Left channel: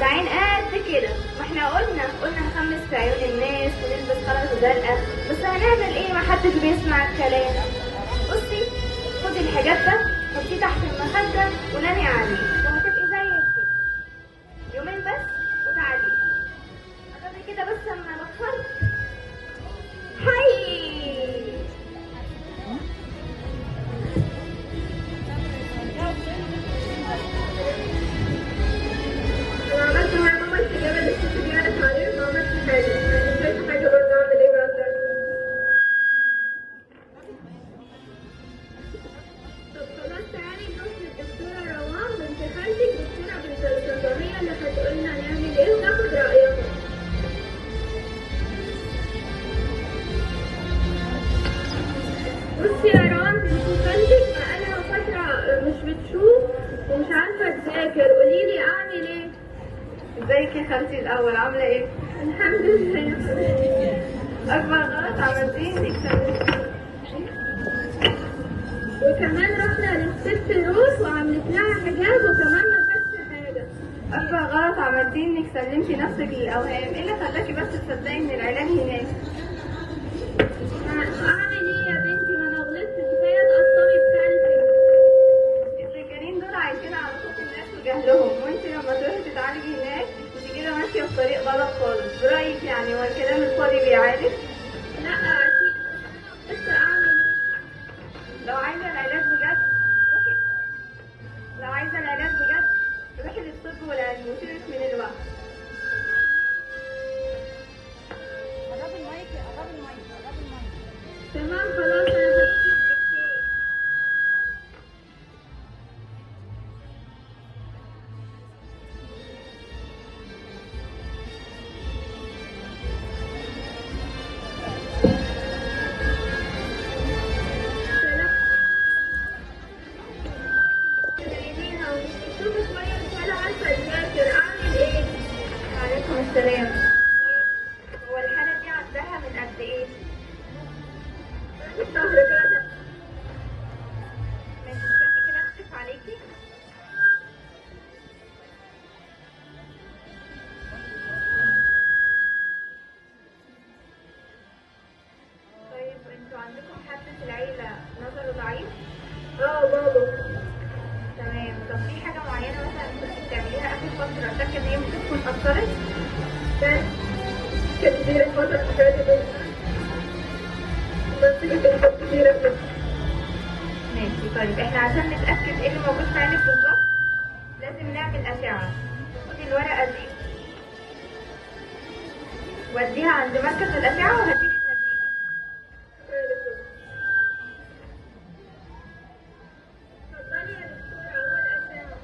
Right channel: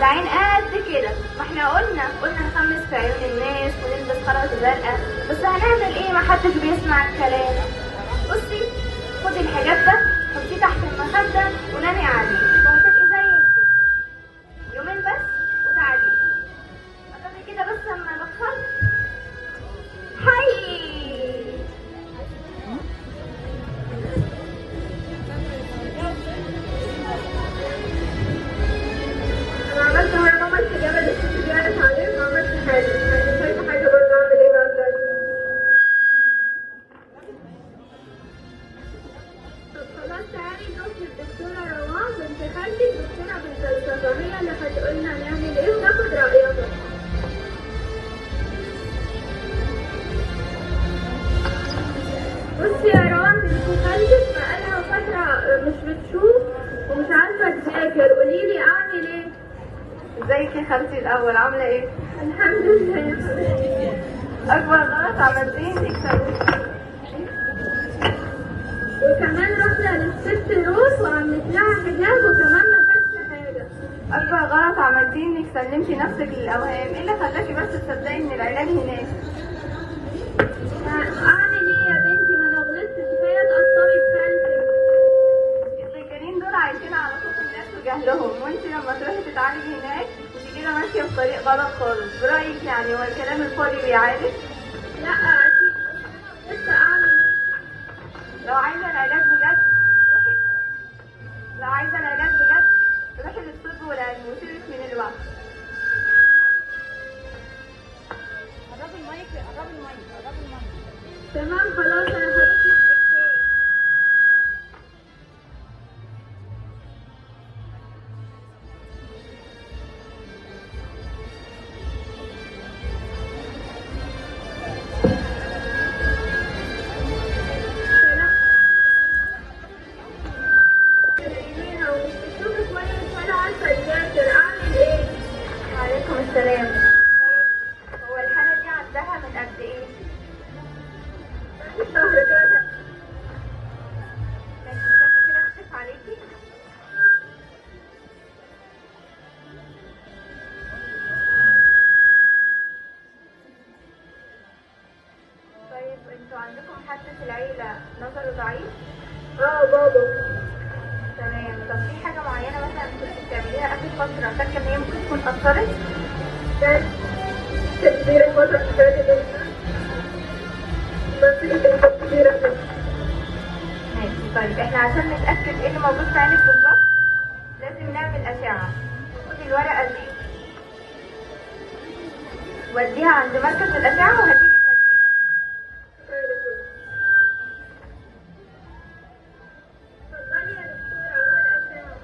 وجعان قد كده، واحنا قلنا نخمس في عيون الناس ونلبس خرزة زرقاء، بس هنعمل ايه؟ محدش بيسمع الكلام. بصي، خدي الحجاب ده حطيه تحت المخدة ونامي عليه وهتبقي زي الفل. يومين بس وتعالي. هتعملي كده بس لما نوصل. هاي انا عملت مع ماما الحجاب اللي كنت قالت عليه، ما عملتش حاجه، يعني شايفه حاجه برضه اعمل ايه بقى؟ طب خلاص تعالي نروح للدكتوره روان بنت خالتي، الدكتوره بنت الصيدليه اللي هتقولنا نعمل ايه وناخد رايها. بصي يا روان، بنت خالتك بقالها فتره مش بتشوف ومش عارفه تذاكر، قوليلي اعمل ايه؟ ازيك يا خالتي؟ الاول عامله ايه؟ الحمد لله يا حبيبتي. اكبر غلط عملتيه انك سويتيه، وكمان رحنا للست روز وعملت لها حجاب وكمان ما كانش حاجه. اكبر غلط عملتيه انك سلمتي نفسك للاوهام. ايه اللي خلاكي بس تصدقي ان العلاج هناك؟ اعمل ايه يا بنتي؟ ما انا غلطت، كفايه تاثري بخالتي. الفكرين دول عايشين على صوت الناس وجهلهم، وانت لما تروحي تتعالجي هناك انت كده ماشيه في طريق غلط خالص. برايك يعني هو الكلام الفاضي بيعالج؟ لا اكيد، لسه اعمل ايه؟ لو عايزه العلاج بجد روحي، لو عايزه العلاج بجد روحي للطب والعلم وسيبك من الوقت. قربي المايك، قربي المايك، قربي المايك. تمام خلاص انا هروح. عليكم السلام. هو الحالة دي عندها من قد ايه؟ شهر كده. ماشي، استني كده اكشف عليكي. طيب انتوا عندكم حد في العيلة نظره ضعيف؟ بابا. تمام. طب في حاجة معينة مثلا كنت بتعمليها آخر فترة فاكرة إن هي ممكن تكون أثرت؟ كانت كتير الفترة اللي فاتت، بس كانت كتيرة جدا. ماشي. طيب احنا عشان نتأكد ايه اللي موجود في عينك بالظبط لازم نعمل أشعة. خدي الورقة دي وديها عند مركز الأشعة وهتيجي تنزليها. اتفضلي يا دكتورة، أهو الأشعة.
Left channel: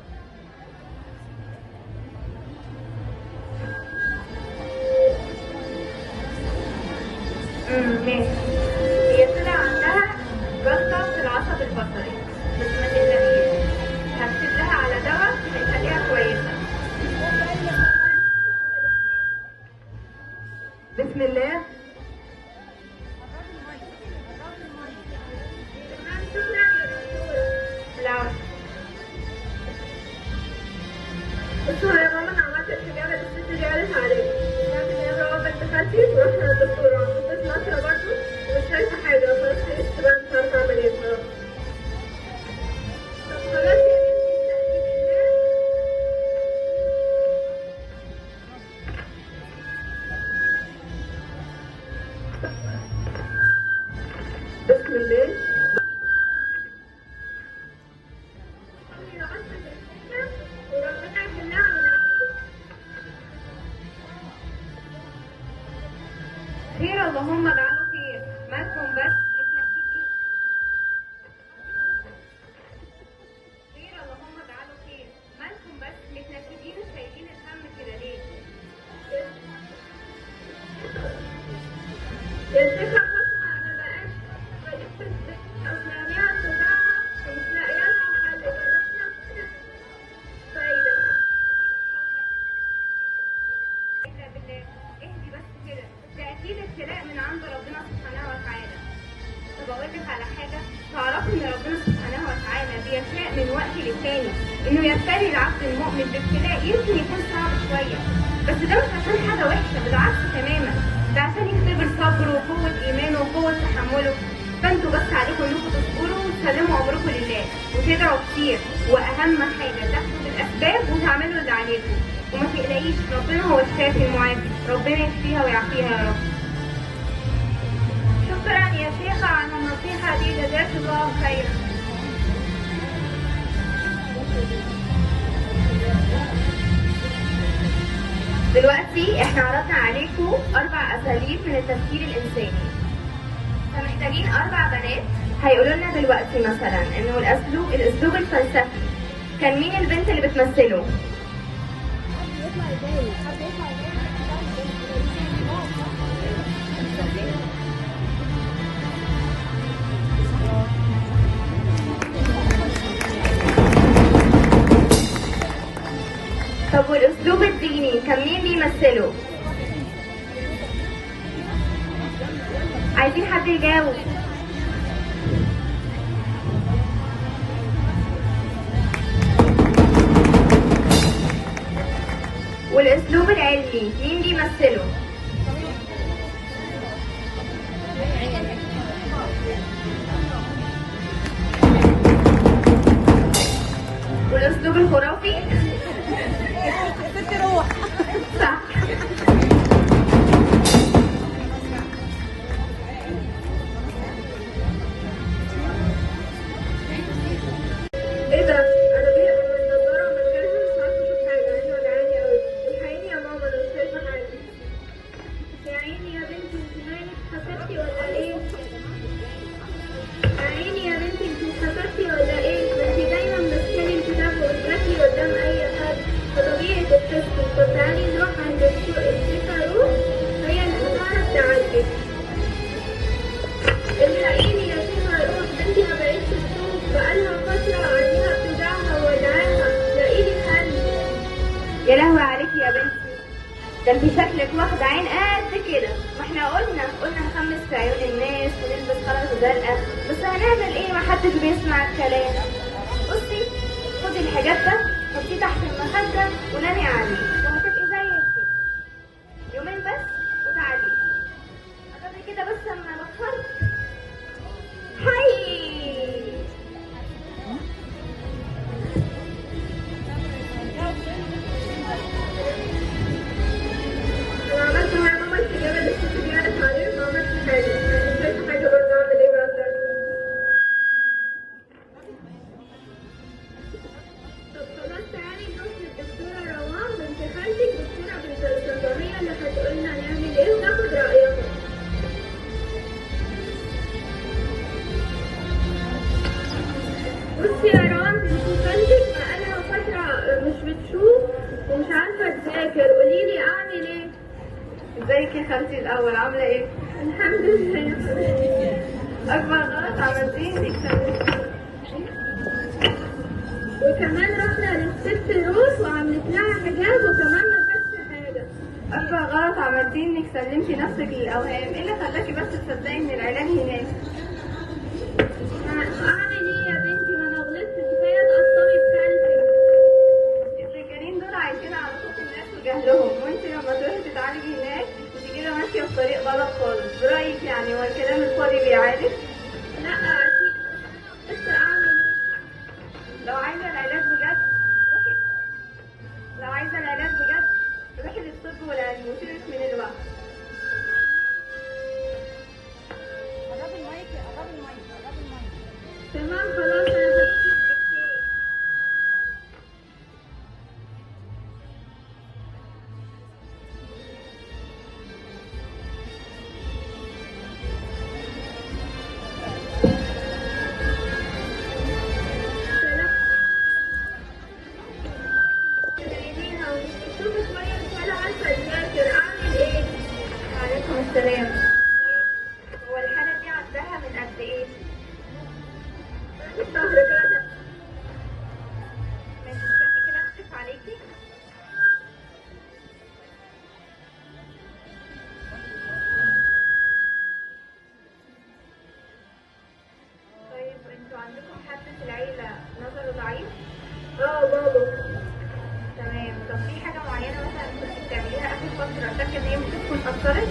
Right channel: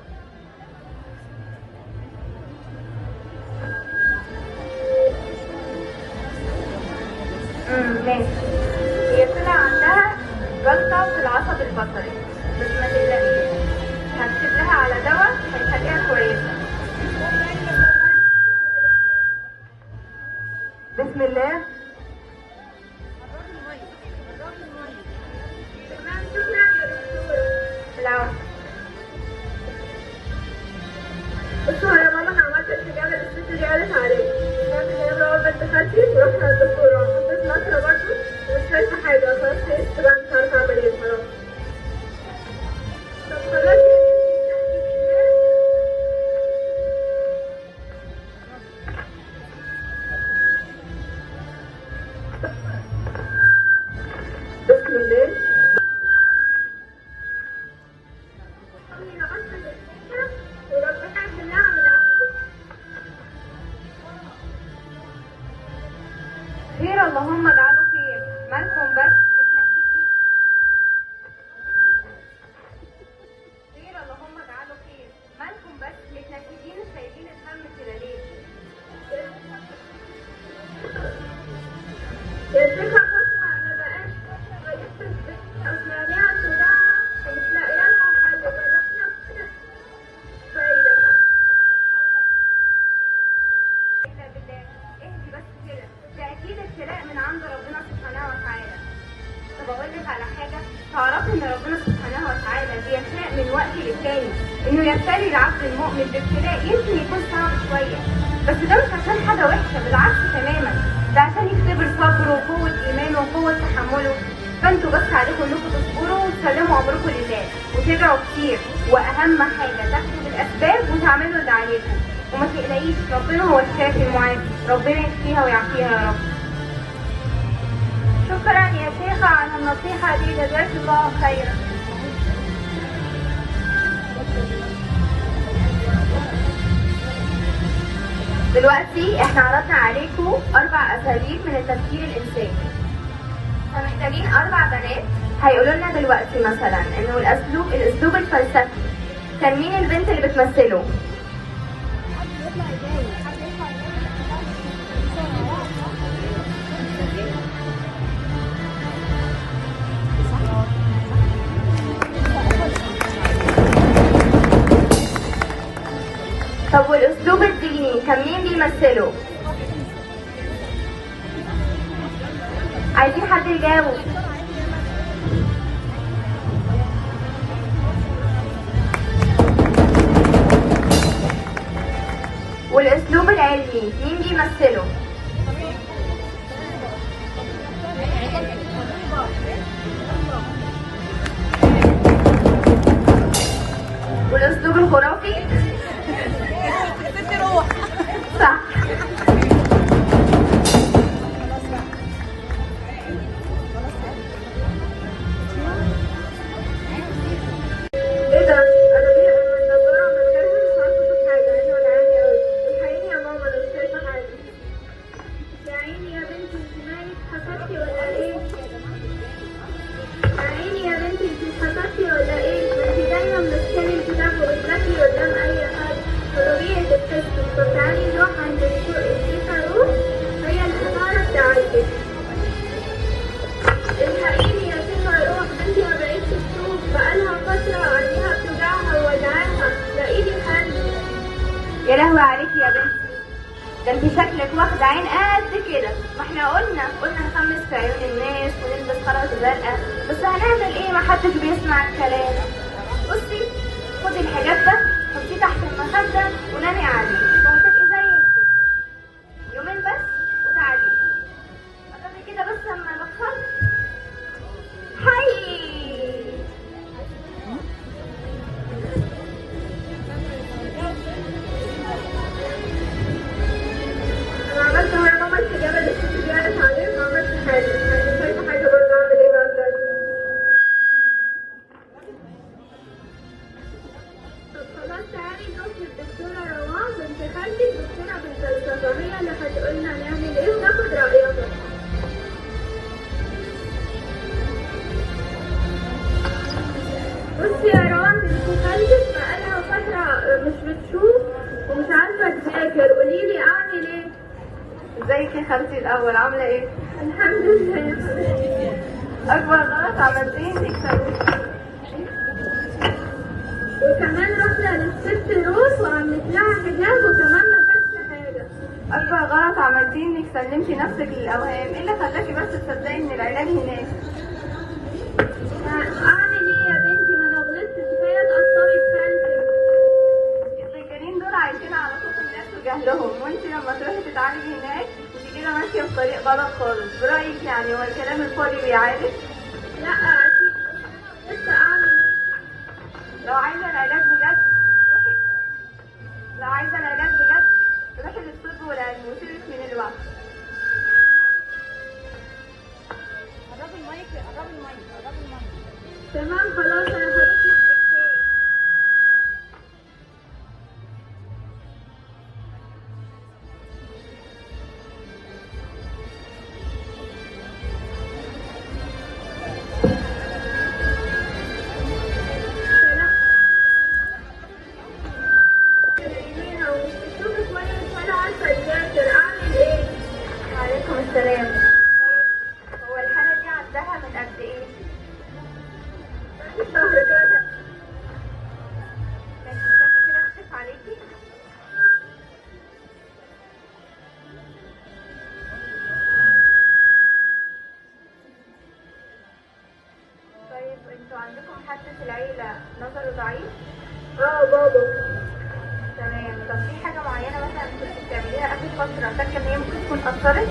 ماشي. هي طلع عندها جلطة في العصب البصري، بس ما تقلقيش، هكتب لها على دواء هيخليها كويسة. بسم الله. تمام، شكرا يا دكتورة. لا بصوا يا ماما، انا عملت الحجاب اللي الست دي قالت عليه. سمعت ان هي بقى بنت خالتي ورحنا للدكتورة، حطيت نشرة برضه ومش شايفة حاجة. خلاص خلصت بقى، مش عارفة اعمل ايه خلاص. طب خلاص يا بنتي، بسم الله. وربنا يحلها من عنده. حاجة، تعرفي إن ربنا سبحانه وتعالى بيشاء من وقت للتاني إنه يبتلي العبد المؤمن بابتلاء يمكن يكون صعب شوية، بس ده مش عشان حاجة وحشة، بالعكس تماما، ده عشان يختبر صبره وقوة إيمانه وقوة تحمله. فانتوا بس عليكم إنكم تصبروا وتسلموا أمركم لله وتدعوا كتير، وأهم حاجة تاخدوا بالأسباب وتعملوا اللي عليكم، وما تقلقيش، ربنا هو الشافي المعافي، ربنا يشفيها ويعافيها يا رب. شكرا يا شيخة على النصيحة دي، جزاك الله خيرا. دلوقتي احنا عرضنا عليكم 4 أساليب من التفكير الإنساني، فمحتاجين 4 بنات هيقولوا لنا دلوقتي مثلا انه الاسلوب الفلسفي كان مين البنت اللي بتمثله؟ طب والاسلوب الديني كان مين بيمثله؟ عايزين حد يجاوب. والاسلوب العلمي مين بيمثله؟ والاسلوب الخرافي؟ صح. ايه ده؟ انا بيه من النضاره من غيرها مش عارفه اشوف حاجه، عيني وجعاني قوي. الحقيني يا ماما انا مش شايفه حاجه. يا عيني يا بنتي، انت مالك، حسدتي ولا ايه؟ يا عيني يا بنتي، انت حسدتي ولا ايه؟ ما انت دايما بتشتري الكتاب وبتذاكري قدام اي حد، فطبيعي تبتسمي. طب تعالي نروح عند التيتا روح، هي اللي هتعرف تعالجك. الحقيني يا تيتا روح، بنتي ما بقتش تشوف، بقالها فتره عينيها بتوجعها ووجعاها، لاقيلي حل. يا لهوي عليكي يا بنتي، ده انت شكلك واخدة عين قد كده. ما احنا قلنا نخمس في عيون الناس ونلبس خرز زرقاء، بس هنعمل ايه؟ ما حدش بيسمع الكلام. بصي، خدي الحجاب ده حطيه تحت المخدة ونامي عليه وهتبقي زي الفل. يومين بس وتعالي. هتعملي كده بس لما نبطل. هاي انا عملت يا ماما الحجاب اللي كنت زيادة عليه، ما عملتش حاجة، مش شايفة حاجة برضه. اعمل ايه بقى؟ طب خلاص تعالي نروح للدكتورة روان بنت خالتك، دكتورة بالفلسفة، هي اللي هتقولنا نعمل ايه وناخد رأيها. بصي يا روان، بنت خالتك بقالها فترة مش بتشوف ومش عارفة تذاكر، قوليلي اعمل ايه؟ ازيك يا خالتي الاول، عاملة ايه؟ الحمد لله يا حبيبتي. اكبر غلط عملتيه انك سابتيني. وكمان رحنا للست روز وعملت لها حجاب وكمان ما خدتش حاجه. اكبر غلط عملتيه انك سلمتي نفسك للاوهام. ايه اللي خلاكي بس تصدقي ان العلاج هناك؟ اعمل ايه يا بنتي؟ ما انا غلطت، كفايه تقصري بخالتك. السكرين دول عايشين على صوت الناس وجهلهم، وانت لما تروحي تتعالجي هناك انت كده ماشيه في طريق غلط خالص. برايك يعني هو الكلام الفاضي بيعالج؟ لا اكيد، لسه اعمل. لو عايزه العلاج بجد روحي، لو عايزه العلاج بجد روحي للطب والعلم وسيبك من الوقت. قربي المايك، قربي المايك، قربي المايك. تمام خلاص انا هروح للدكتور. عليكم السلام. هو الحالة دي عندها من قد ايه؟ شهر كده. ماشي، استني كده اكشف عليكي. طيب انتوا عندكم حد في العيلة نظره ضعيف؟ بابا. تمام. طب في حاجة معينة مثلا كنت بتعمليها آخر فترة فاكرة إن هي ممكن تكون أثرت؟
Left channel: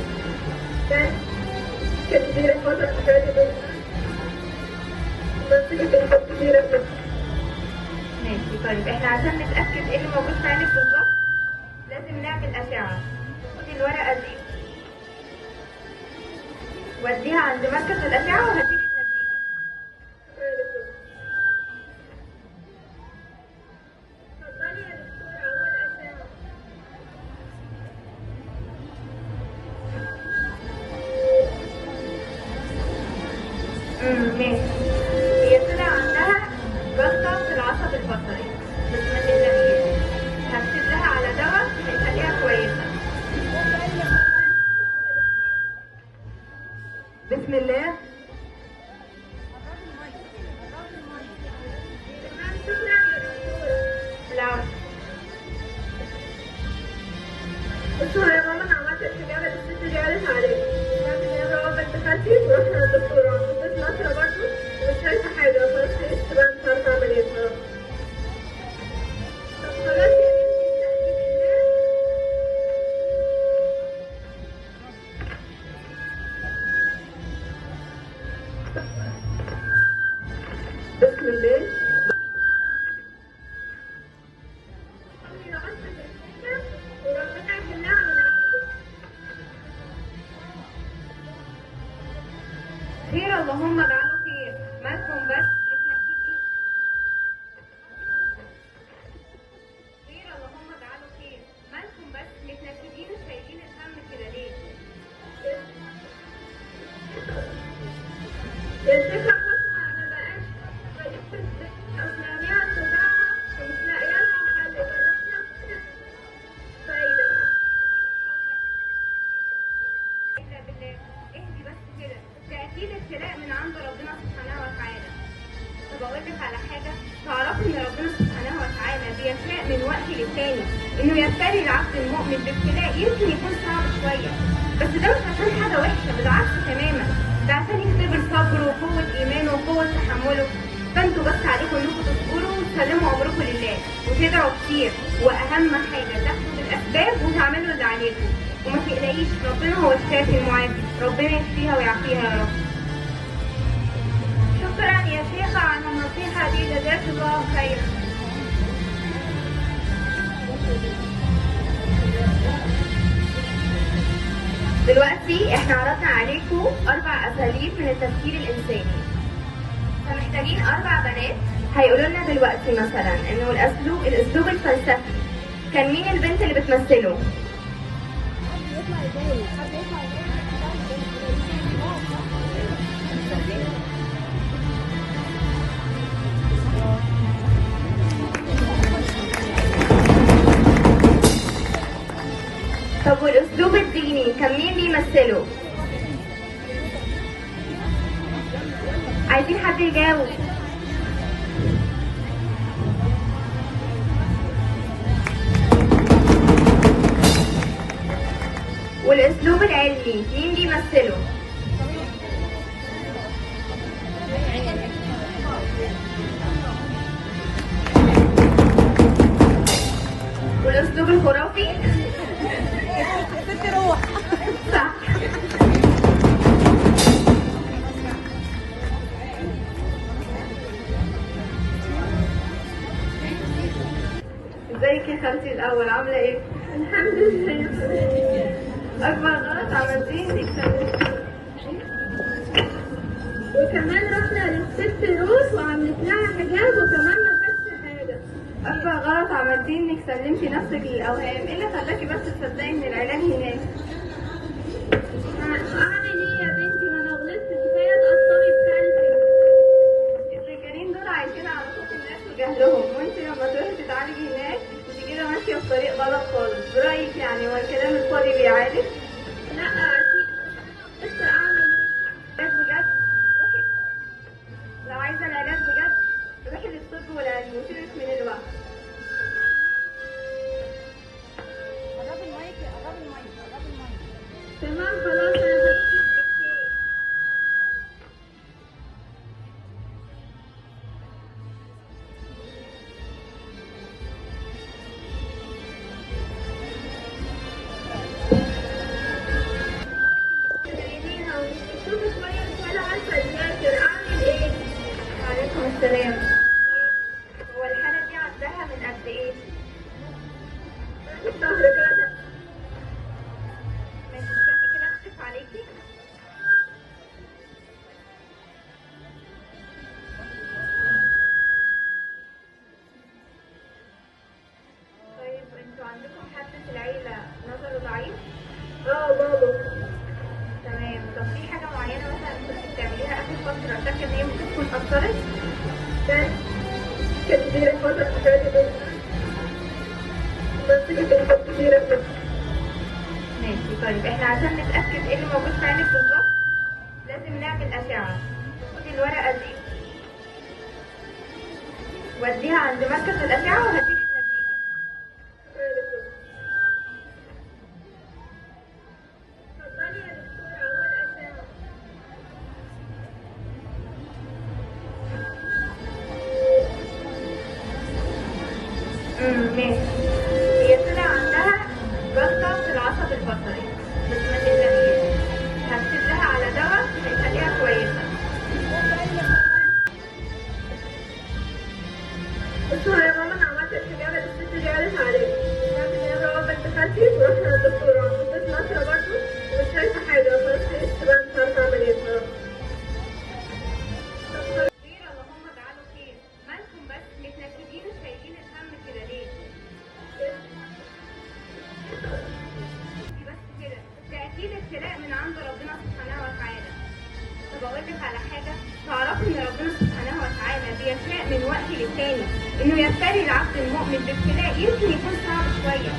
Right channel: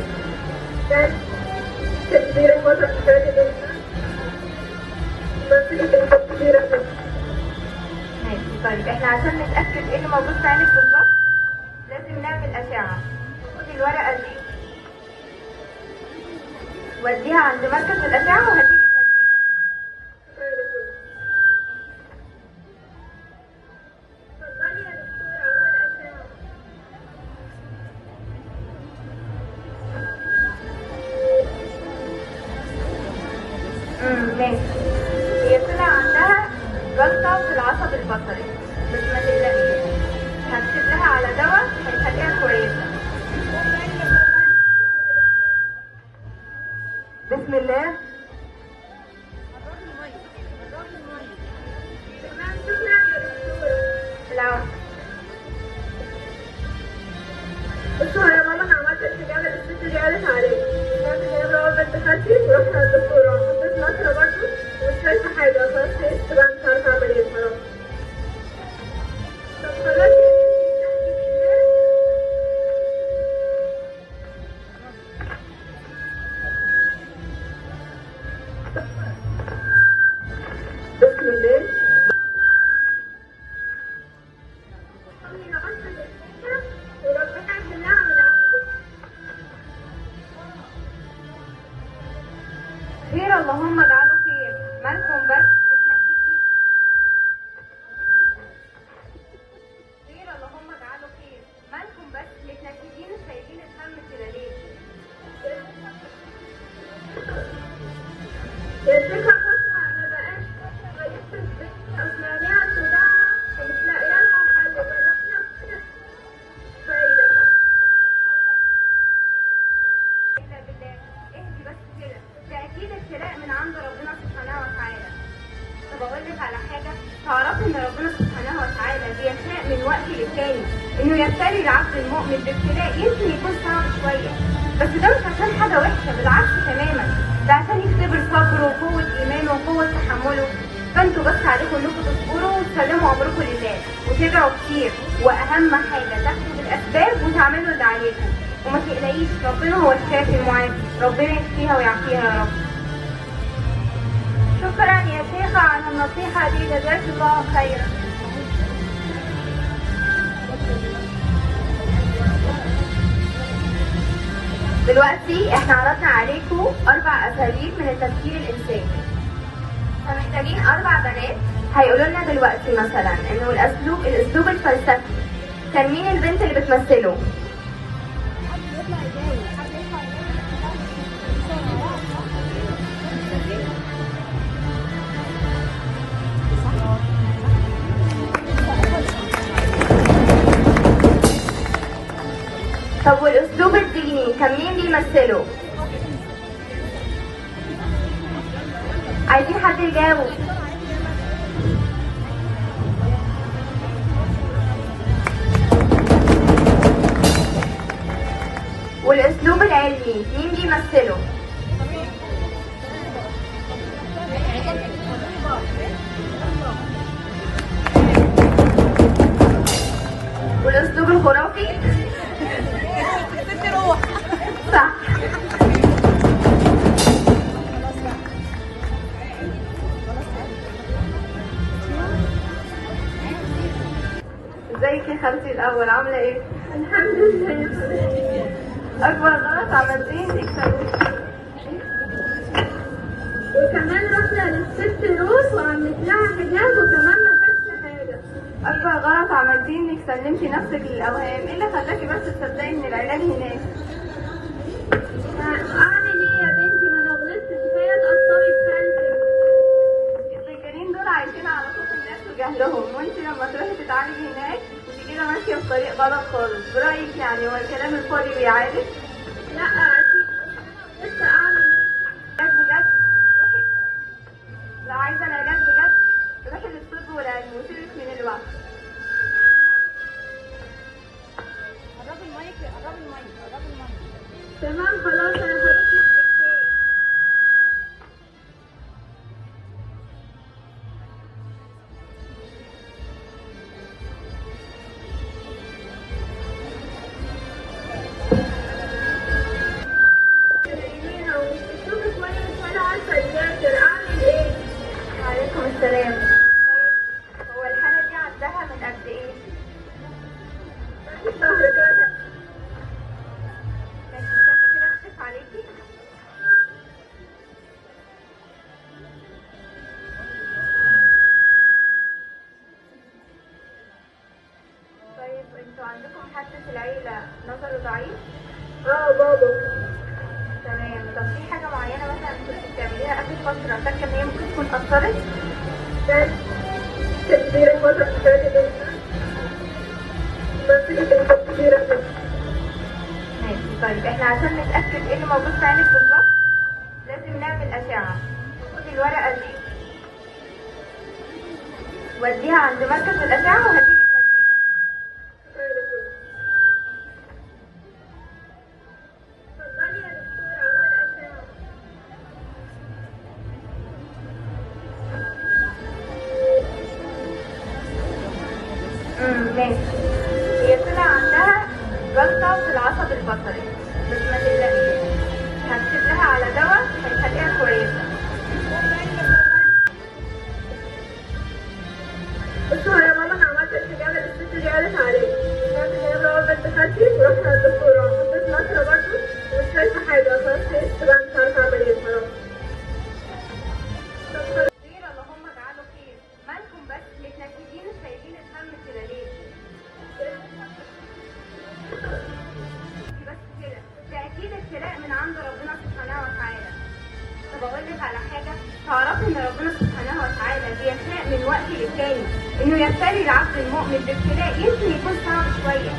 كانت كتير الفترة اللي فاتت بس كانت كتيرة جدا. ماشي. طيب احنا عشان نتأكد ايه اللي موجود في عينك بالظبط لازم نعمل أشعة. خدي الورقة دي وديها عند مركز الأشعة وهديك النتيجة. اتفضلي يا دكتورة أول أشعة. ماشي. هي طلع عندها جلطة في العصب البصري بس ما تقلقيش، هكتب لها على دواء هيخليها كويسة. بسم الله. تمام، شكرا يا دكتورة. العفو. بصوا يا ماما، أنا عملت الحجاب اللي الست دي قالت عليه. سمعت إن هي ضربت بنت خالتي ورحنا للدكتورة، حطيت نشرة برضه ومش شايفة حاجة، خلاص حيثت بقى مش عارفة أعمل إيه خلاص. طب خلاص يا بسم الله. وربنا يحلها من عنده. خير اللهم اجعله خير. مالكم بس متنكدين؟ خير اللهم اجعله خير. مالكم بس متنكدين وشايلين الهم كده ليه؟ يا شيخة فاطمة، أنا بقيت بجيب البنت أسمعها صداعها ومش لاقية لها حل، جربنا كل فايدة. الا بالله. اهدي بس كده، ده اكيد ابتلاء من عند ربنا سبحانه وتعالى. طب اقول لك على حاجه، تعرفي ان ربنا سبحانه وتعالى بيشاء من وقت للتاني انه يبتلي العبد المؤمن بابتلاء يمكن يكون صعب شويه، بس ده مش عشان حاجه وحشه، بالعكس تماما، ده عشان يختبر صبره وقوه ايمانه وقوه تحمله. فانتوا بس عليكم انكم تصبروا وتسلموا امركم لله وتدعوا كتير، واهم حاجه تاخدوا بالاسباب وتعملوا اللي عليكم، وما تقلقيش، ربنا هو الشافي المعافي، ربنا يشفيها ويعافيها يا رب. شكرا يا شيخة على النصيحة دي، جزاك الله خيرا. دلوقتي احنا عرضنا عليكم 4 أساليب من التفكير الإنساني، فمحتاجين 4 بنات هيقولوا لنا دلوقتي مثلا انه الأسلوب الفلسفي كان مين البنت اللي بتمثله؟ طب والأسلوب الديني كان مين بيمثله؟ عايزين حد يجاوب. والأسلوب العلمي مين بيمثله؟ والأسلوب الخرافي؟ صح. ازيك يا خالتي الأول، عاملة ايه؟ الحمد لله يا حبيبتي. أكبر غلط عملتيه انك وكمان رحنا للست روز وعملت لها حجاب وكمان ما كانش حاجة. أكبر غلط عملتيه انك سلمتي نفسك للأوهام، ايه اللي خلاكي بس تصدقي ان العلاج هناك؟ أعمل إيه يا بنتي؟ ما أنا غلطت، كفاية تقصري بكلبي. الفكرين دول عايشين على صوت الناس وجهلهم، وانت لما تروحي تتعالجي هناك انت كده ماشية في طريق غلط خالص. برأيك يعني هو الكلام الفاضي بيعالج؟ لا أكيد، لسه أعمل علاج بجد؟ روحي. لو عايزة العلاج بجد روحي للطب والعلم وسيبك من الوقت. تمام خلاص أنا هروح للدكتور. السلام. هو الحالة دي عندها من قد ايه؟ شهر كده. ماشي، استني كده اكشف عليكي. طيب انتوا عندكم حد في العيلة نظره ضعيف؟ بابا. تمام. طب في حاجة معينة مثلا كنت بتعمليها آخر فترة فاكرة إن هي ممكن تكون أثرت؟ كانت كتير الفترة اللي فاتت بس كانت كتيرة جدا. ماشي. طيب احنا عشان نتأكد ايه اللي موجود في عينك بالظبط لازم نعمل أشعة. خدي الورقة دي وديها عند مركز الأشعة وهديك النتيجة. اتفضلي يا دكتورة، أول أشعة. ماشي. هي طلع عندها جلطة في العصب البصري بس ما تقلقيش، هكتب لها على دواء هيخليها كويسة. بصوا يا ماما، أنا عملت استجابة للست اللي قالت عليه. سمعت إن هي بقى بنت خالتي ورحنا للدكتورة، حطيت نشرة برضه ومش شايفة حاجة، خلاص خلصت بقى، مش عارفة أعمل إيه خلاص. خير، اللهم اجعله خير. مالكم بس متنكدين وشايلين الهم كده ليه؟ بس كده، ده اكيد ابتلاء من عند ربنا سبحانه وتعالى. طب اقول لك على حاجه، تعرفي ان ربنا سبحانه وتعالى بيشاء من وقت للتاني انه يبتلي العبد المؤمن بابتلاء يمكن يكون صعب شويه،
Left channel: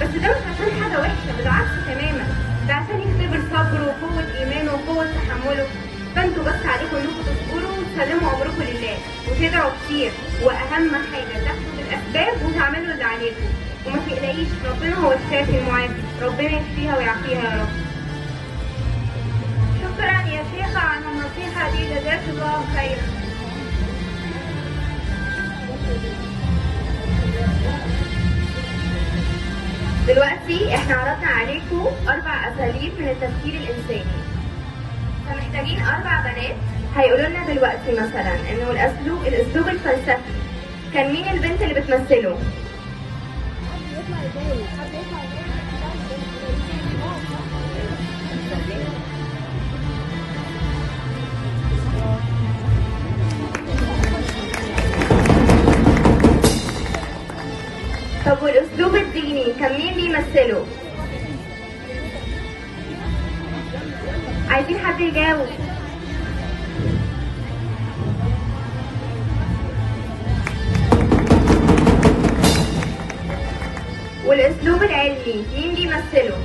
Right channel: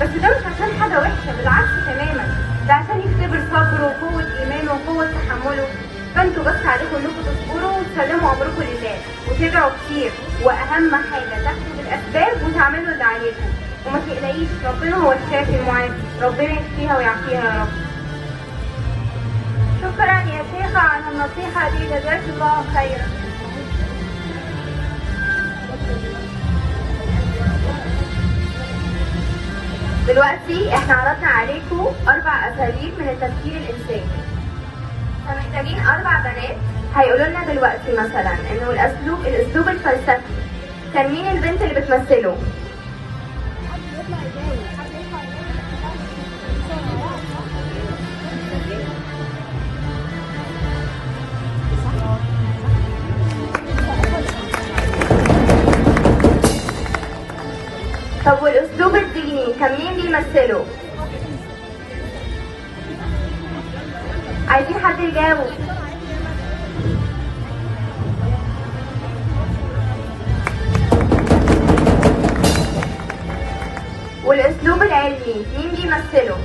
بس ده مش عشان حاجه وحشه، بالعكس تماما، ده عشان يختبر صبره وقوه ايمانه وقوه تحمله. فانتوا بس عليكم انكم تصبروا وتسلموا امركم لله وتدعوا كتير، واهم حاجه تاخدوا بالاسباب وتعملوا اللي عليكم، وما تقلقيش، ربنا هو الشافي المعافي، ربنا يشفيها ويعافيها يا رب. شكرا يا شيخة على النصيحة دي، جزاك الله خيرا. دلوقتي احنا عرضنا عليكم 4 أساليب من التفكير الإنساني، فمحتاجين 4 بنات هيقولوا لنا دلوقتي مثلا انه الاسلوب الفلسفي كان مين البنت اللي بتمثله؟ طب والاسلوب الديني كان مين بيمثله؟ عايزين حد يجاوب. والاسلوب العلمي مين بيمثله؟